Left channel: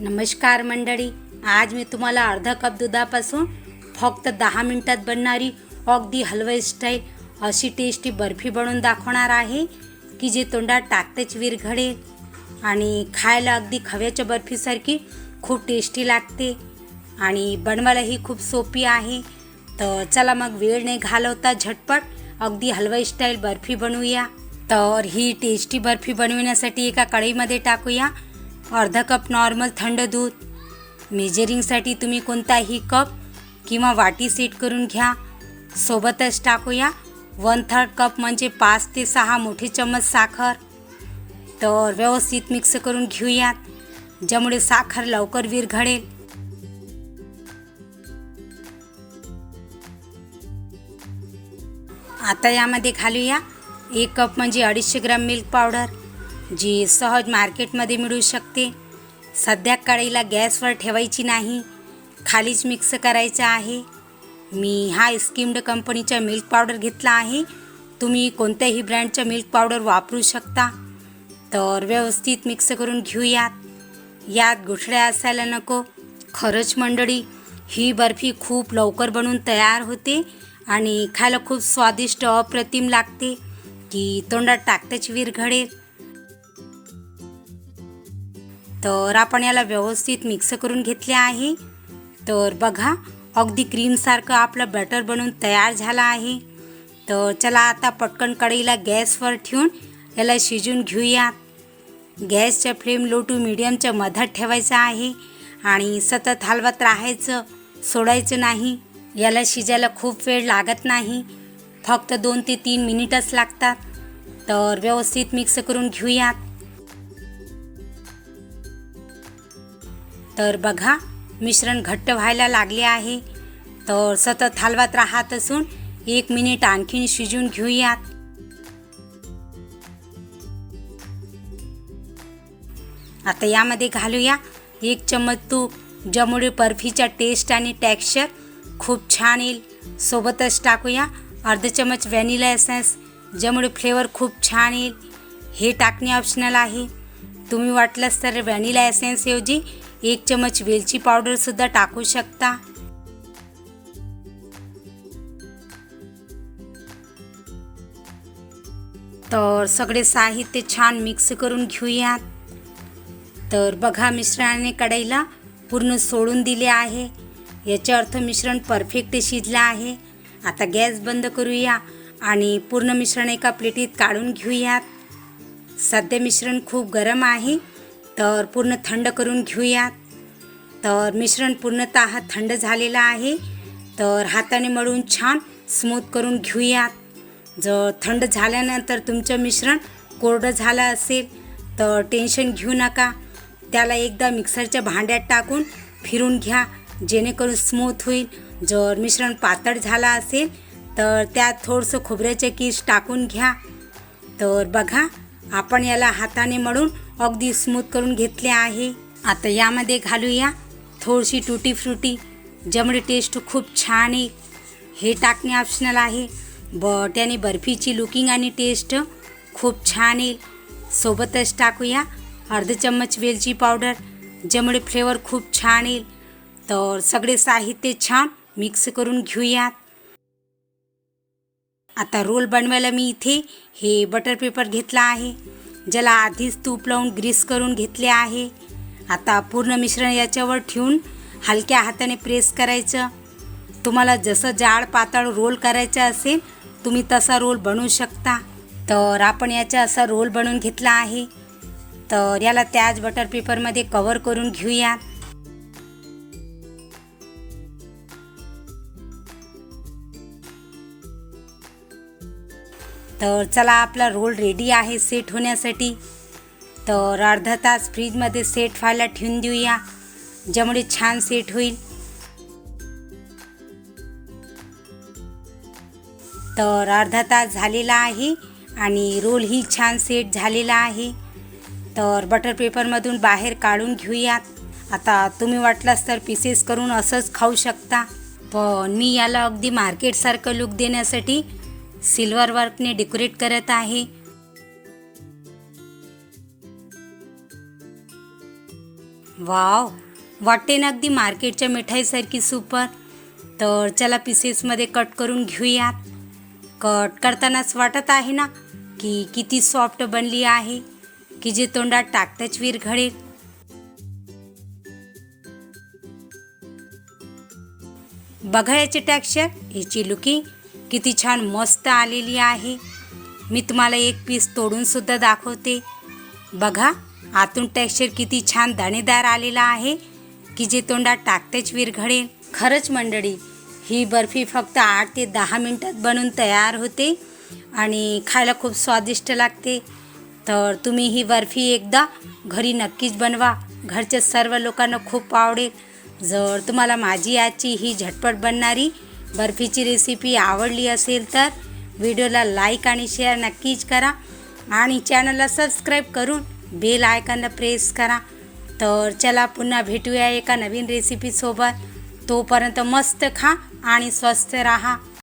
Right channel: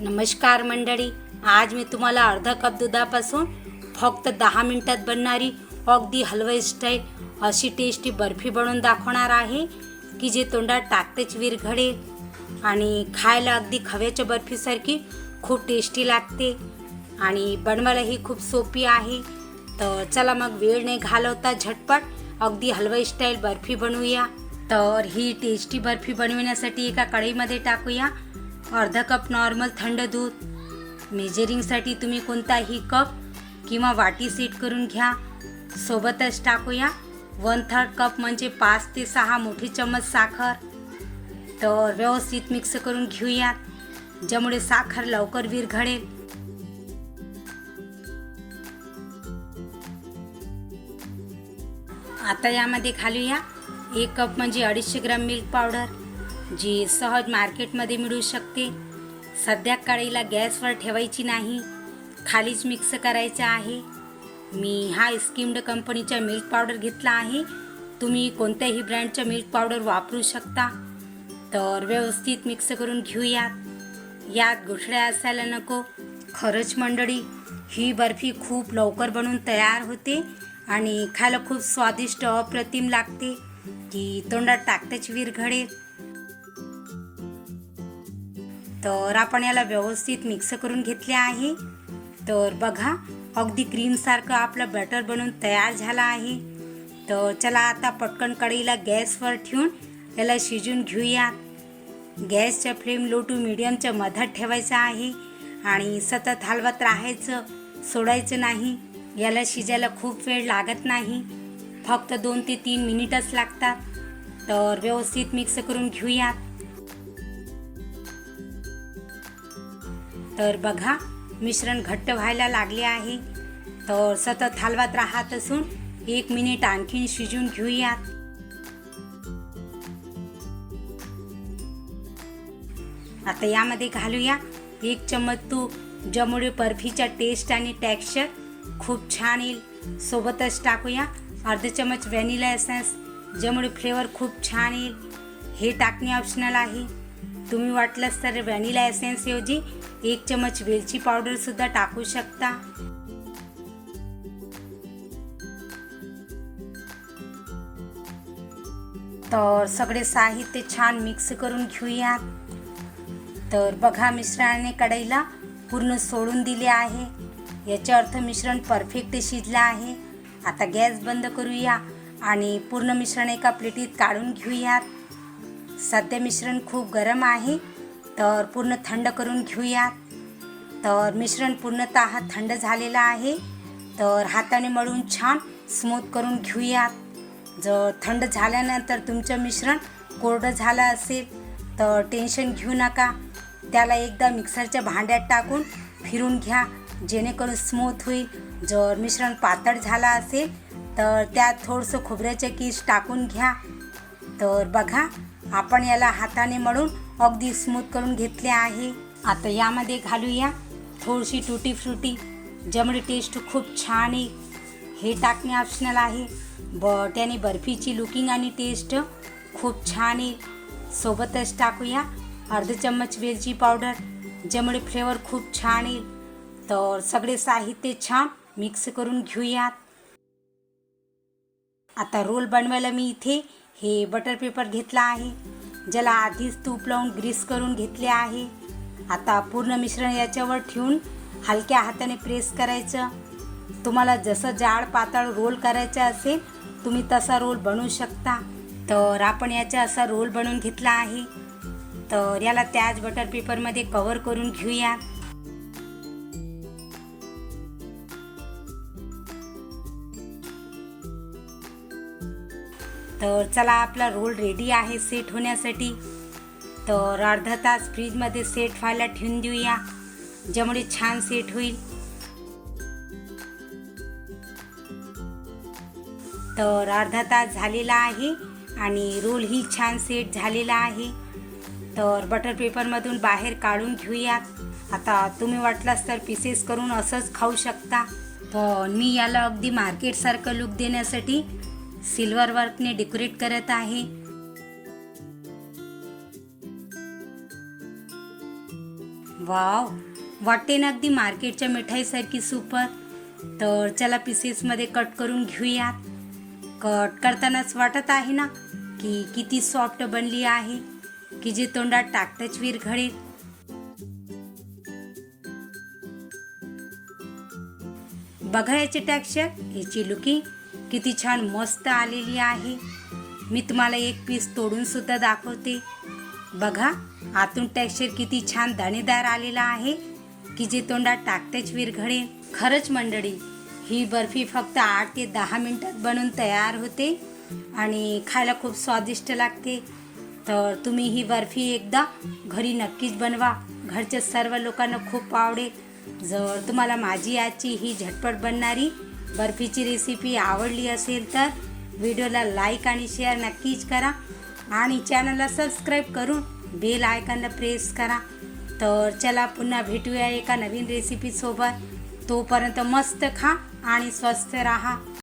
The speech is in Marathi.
नमस्कार मंडळी. आज मी तुम्हाला अर्धा कप दुधापासून फक्त दहा मिनटात बनणारी अगदी हलवाई स्टाईल अशी टेस्टी बर्फी बनवून दाखवणार आहे की जे तोंडात टाकतेच विरघडे आणि खायला अगदी खव्याच्या बर्फीसारखी खूप टेस्टी लागते आणि बनवायलाही खूप सोपी आहे. तर चला मग वेळ नाही घालवता झटपट अगदी हलवाई स्टाईल बर्फी बनवूया. तर ही टेस्टी बर्फी बनविण्यासाठी एका कढईमध्ये टाकूया. अर्धा कप नॉर्मल थंड दूध. मेजरिंगसाठी तुम्ही कोणताही कप किंवा वाटी सेट करून घ्या. सोबतच टाकूया. वन थर्ड कप म्हणजे पाच ते सहा मोठे चम्मच साखर. तर व्यवस्थित मिक्स करून घेऊयात. ज्यामुळे साखर लवकर विरघळेल. आता यामध्ये घालूया एक कप म्हणजे अडीचशे ग्राम मिल्क पावडर जी सहज मार्केटमध्ये मिळू शकते. सध्या कढईला गॅसवर ठेवायची नाही. खालीच मिक्स करायचं आहे. मी हा स्किम्ड कंपनीचा मिल्क पावडर घेतला आहे. तुम्ही कोणत्याही ब्रँडचा मिल्क पावडर वापरू शकता. तर व्यवस्थित मिक्स करून घेऊयात. यात गुठळ्या असायला नको. खरंच मंडळी ही बर्फी खूप लवकर बनून तयार होते आणि खायला खूप स्वादिष्ट अप्रतिम लागते. की तोंडात टाकतेच विरघळेल. तर आपण याला व्यवस्थित मिक्स करून घेतले आहे. तर बघा अगदी क्रीमसारखं आपलं बॅटर बनून तयार झालं आहे. तर चला आता पटकन कढईला गॅसवर ठेवून याला शिजून घेऊयात गॅसच्या फ्लेम लो टू मिडियमच्या मधात ठेवायचा आहे. आणि सतत हलवत राहायचं सोडायचं नाही. याला शिजायला खूप वेळ लागत नाही. फक्त दोन ते तीन मिनिटच लागतात. तर व्यवस्थित मिक्स करून घेऊयात. तर बघा मिश्रण घट्ट व्हायला लागले आहे. तर सतत हलवत राहत असून एक मिनिट आणखीन शिजून घेऊयात. आता यामध्ये घालूया एक चम्मच तूप. ज्यामुळे बर्फीचा टेस्ट आणि टेक्स्चर खूप छान येईल. सोबतच टाकूया अर्ध चमच व्हॅनिला एसेन्स ज्यामुळे फ्लेवर खूप छान येईल. हे टाकणे ऑप्शनल आहे. तुम्ही वाटलंच तर व्हॅनिला एसेन्सऐवजी एक चमच वेलची पावडरसुद्धा टाकू शकता. तर सगळे साहित्य छान मिक्स करून घेऊयात. तर बघा मिश्रणाने कढईला पूर्ण सोडून दिले आहे. याचा अर्थ मिश्रण परफेक्ट शिजलं आहे. आता गॅस बंद करूया आणि पूर्ण मिश्रण एका प्लेटीत काढून घेऊयात. सध्या मिश्रण खूप गरम आहे. तर पूर्ण थंड करून घेऊयात तर मिश्रण पूर्णतः थंड झालेलं आहे. तर हाताने मळून छान स्मूथ करून घेऊयात जर थंड झाल्यानंतर तुमचं मिश्रण कोरडं झालं असेल तर टेन्शन घेऊ नका. त्याला एकदा मिक्सरच्या भांड्यात टाकून फिरून घ्या. जेणेकरून स्मूथ होईल. जर मिश्रण पातळ झालं असेल तर त्यात थोडंसं खोबऱ्याचे किस टाकून घ्या. तर बघा आपण याला हाताने मळून अगदी स्मूथ करून घेतले आहे. आता यामध्ये घालूया थोडीशी टुटी फ्रुटी. ज्यामुळे टेस्ट खूप छान येईल हे टाकणे ऑप्शनल आहे. ब त्याने बर्फीची लुकिंग आणि टेस्ट खूप छान येईल सोबतच टाकूया अर्ध चम्मच वेलची पावडर ज्यामुळे फ्लेवर खूप छान येईल तर सगळे साहित्य छान मिक्स करून घेऊयात. आता रोल बनवायला मी इथे हे बटर पेपर घेतला आहे. ज्याला आधीच तूप लावून ग्रीस करून घेतले आहे. आता पूर्ण मिश्रण याच्यावर ठेवून हलक्या हाताने प्रेस करायचं. तुम्हाला जसं जाड पातळ रोल करायचं असेल तुम्ही तसा रोल बनवू शकता. तर आपण याचा असा रोल बनवून घेतला आहे. तर याला त्याच बटर पेपरमध्ये कवर करून घेऊयात तर चला आपला रोल रेडी आहे सेट होण्यासाठी. तर अर्धा तास फ्रीजमध्ये सेट व्हायला ठेवून देऊया. ज्यामुळे छान सेट होईल. तर अर्धा तास झालेला आहे आणि रोलही छान सेट झालेला आहे. तर बटर पेपरमधून बाहेर काढून घेऊयात आता तुम्ही वाटलास तर पीसेस करून असंच खाऊ शकता. पण मी याला अगदी मार्केटसारखं लुक देण्यासाठी सिल्वर वर्कने डेकोरेट करत आहे. वाव वाटते ना अगदी मार्केटच्या मिठाईसारखी सुपर. तर चला पीसेसमध्ये कट करून घेऊयात. कट करतानाच वाटत आहे ना की किती सॉफ्ट बनली आहे की जे तोंडात टाकताच विरघळेल. बघा याचे टेक्स्चर याची लुकिंग किती छान मस्त आलेली आहे. मी तुम्हाला एक पीस तोडूनसुद्धा दाखवते. बघा आतून टेक्स्चर किती छान दाणेदार आलेला आहे की जे तोंडात टाकतेच विरघळेल खरंच मंडळी ही बर्फी फक्त आठ ते दहा मिनटात बनून तयार होते आणि खायला खूप स्वादिष्ट लागते. तर तुम्ही ही बर्फी एकदा घरी नक्कीच बनवा. घरच्या सर्व लोकांना खूप आवडेल. जर तुम्हाला माझी आजची ही झटपट बनणारी बर्फीची रेसिपी आवडली असेल तर व्हिडिओला लाईक आणि शेअर नक्कीच करा आणि चॅनलला सबस्क्राईब करून बेल आयकॉनला प्रेस करा. तर चला पुन्हा भेटूया एका नवीन रेसिपीसोबत तोपर्यंत मस्त खा आणि स्वस्थ राहा.